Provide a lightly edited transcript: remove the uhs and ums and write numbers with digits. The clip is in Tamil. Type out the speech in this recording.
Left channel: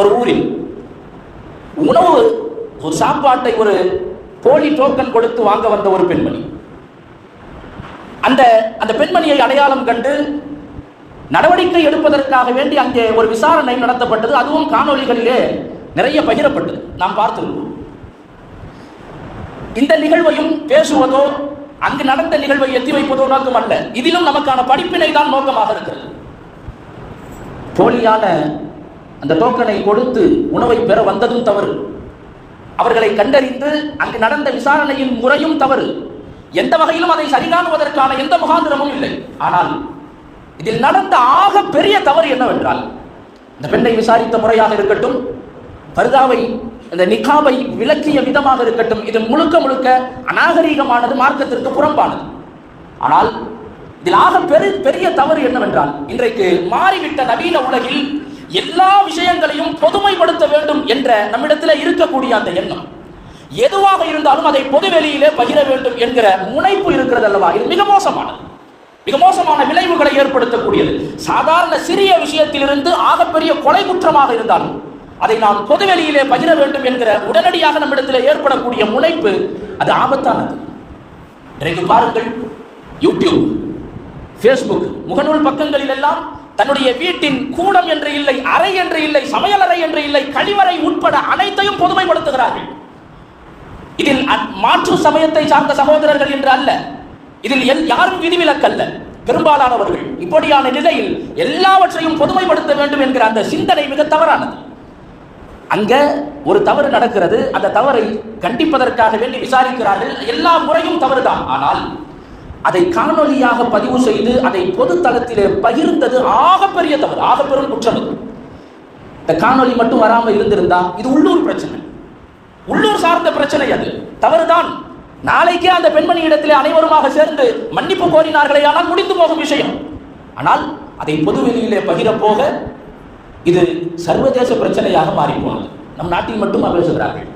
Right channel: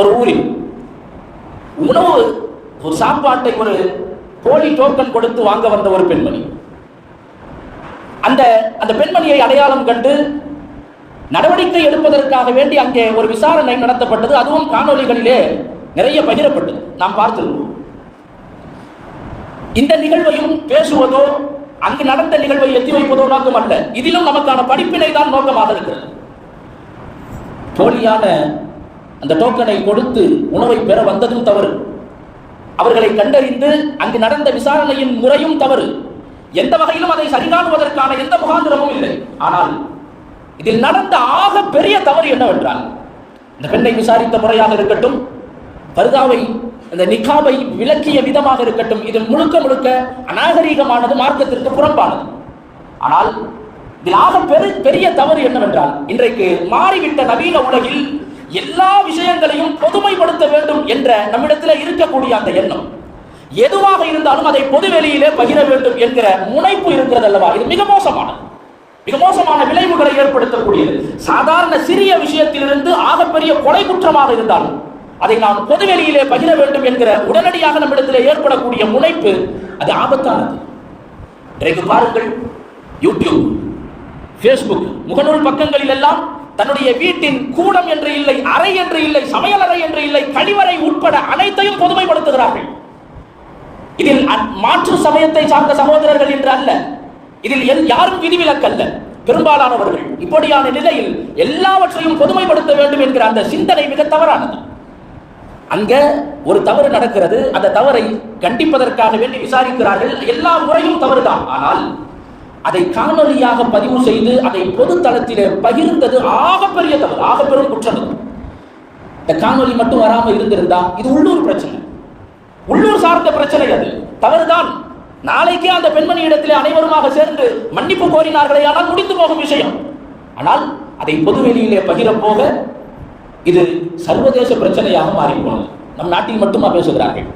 ஒரு ஊரில் உணவு ஒரு சாப்பாட்டை ஒரு போலி டோக்கன் கொடுத்து வாங்க வந்த ஒரு பெண்மணி. அந்த பெண்மணியை அடையாளம் கண்டு நடவடிக்கை எடுப்பதற்காக வேண்டி அங்கே ஒரு விசாரணை நடத்தப்பட்டது. அதுவும் காணொலிகளிலே நிறைய பகிரப்பட்டது, நாம் பார்த்திருக்கிறோம். இந்த நிகழ்வையும் பேசுவதோ அங்கு நடந்த நிகழ்வை எத்தி வைப்பதோ நோக்கம் அல்ல. இதிலும் நமக்கான படிப்பினை தான் நோக்கமாக இருக்கிறது. போலியான அந்த டோக்கனை கொடுத்து உணவை பெற வந்ததும் தவறு, அவர்களை கண்டறிந்து அங்கு நடந்த விசாரணையின் முறையும் தவறு. எந்த வகையிலும் அதை சரிகாணுவதற்கான எந்த முகாந்திரமும் இல்லை. ஆனால் இதில் நடந்த ஆக பெரிய தவறு என்னவென்றால், இந்த பெண்ணை விசாரித்த முறையாக இருக்கட்டும், பர்தாவை இந்த நிகாபை விலக்கிய விதமாக இருக்கட்டும், இது முழுக்க முழுக்க அநாகரீகமானது, மார்க்கத்திற்கு புறம்பானது. ஆனால் இதில் ஆக பெரிய தவறு என்னவென்றால், இன்றைக்கு மாறிவிட்ட நவீன உலகில் எல்லா விஷயங்களையும் பொதுமைப்படுத்த வேண்டும் என்ற நம்மிடத்தில் இருக்கக்கூடிய அந்த எண்ணம், எதுவாக இருந்தாலும் அதை பொது வெளியிலே பகிர வேண்டும் என்கிற முனைப்பு இருக்கிறது அல்லவா, இது மிக மோசமான விளைவுகளை ஏற்படுத்தக்கூடியது. சாதாரண சிறிய விஷயத்திலிருந்து ஆகப்பெரிய கொலை குற்றமாக இருந்தாலும் அதை நாம் பொதுவெளியிலே பகிர வேண்டும் என்கிற உடனடியாக நம்மிடத்திலே ஏற்படக்கூடிய முனைப்பு, அது ஆபத்தானது. இன்றைக்கு பாருங்கள், யூடியூப், பேஸ்புக், முகநூல் பக்கங்களில் எல்லாம் தன்னுடைய வீட்டின் கூடம் என்று இல்லை, அறை என்று இல்லை, சமையலறை என்று இல்லை, கழிவறை உட்பட அனைத்தையும் பொதுமைப்படுத்துகிறார்கள். இதில் மாற்று சமயத்தை சார்ந்த சகோதரர்கள் என்று அல்ல, இதில் யாரும் விதிவிலக்கல்ல. பெரும்பாலானவர்கள் இப்படியான நிலையில் எல்லாவற்றையும் பொதுமைப்படுத்த வேண்டும் என்கிற அந்த சிந்தனை மிக தவறானது. அங்க ஒரு தவறு நடக்கிறது, அந்த தவறை கண்டிப்பதற்காக வேண்டி விசாரிக்கிறார்கள். எல்லா முறையும் தவறுதான். ஆனால் அதை காணொலியாக பதிவு செய்து அதை பொது தளத்திலே பகிர்ந்தது ஆகப்பெரிய தவறு, ஆக பெரும் குற்றம். இந்த காணொலி மட்டும் வராம இருந்திருந்தா இது உள்ளூர் பிரச்சனை, உள்ளூர் சார்ந்த பிரச்சனை, அது தவறுதான். நாளைக்கே அந்த பெண்மணி இடத்திலே அனைவருமாக சேர்ந்து மன்னிப்பு கோரினார்களே, ஆனால் முடிந்து போகும் விஷயம். ஆனால் அதை பொதுவெளியிலே பகிர போக இது சர்வதேச பிரச்சனையாக மாறிப்போனது. நம் நாட்டில் மட்டுமா பேசுகிறார்கள்?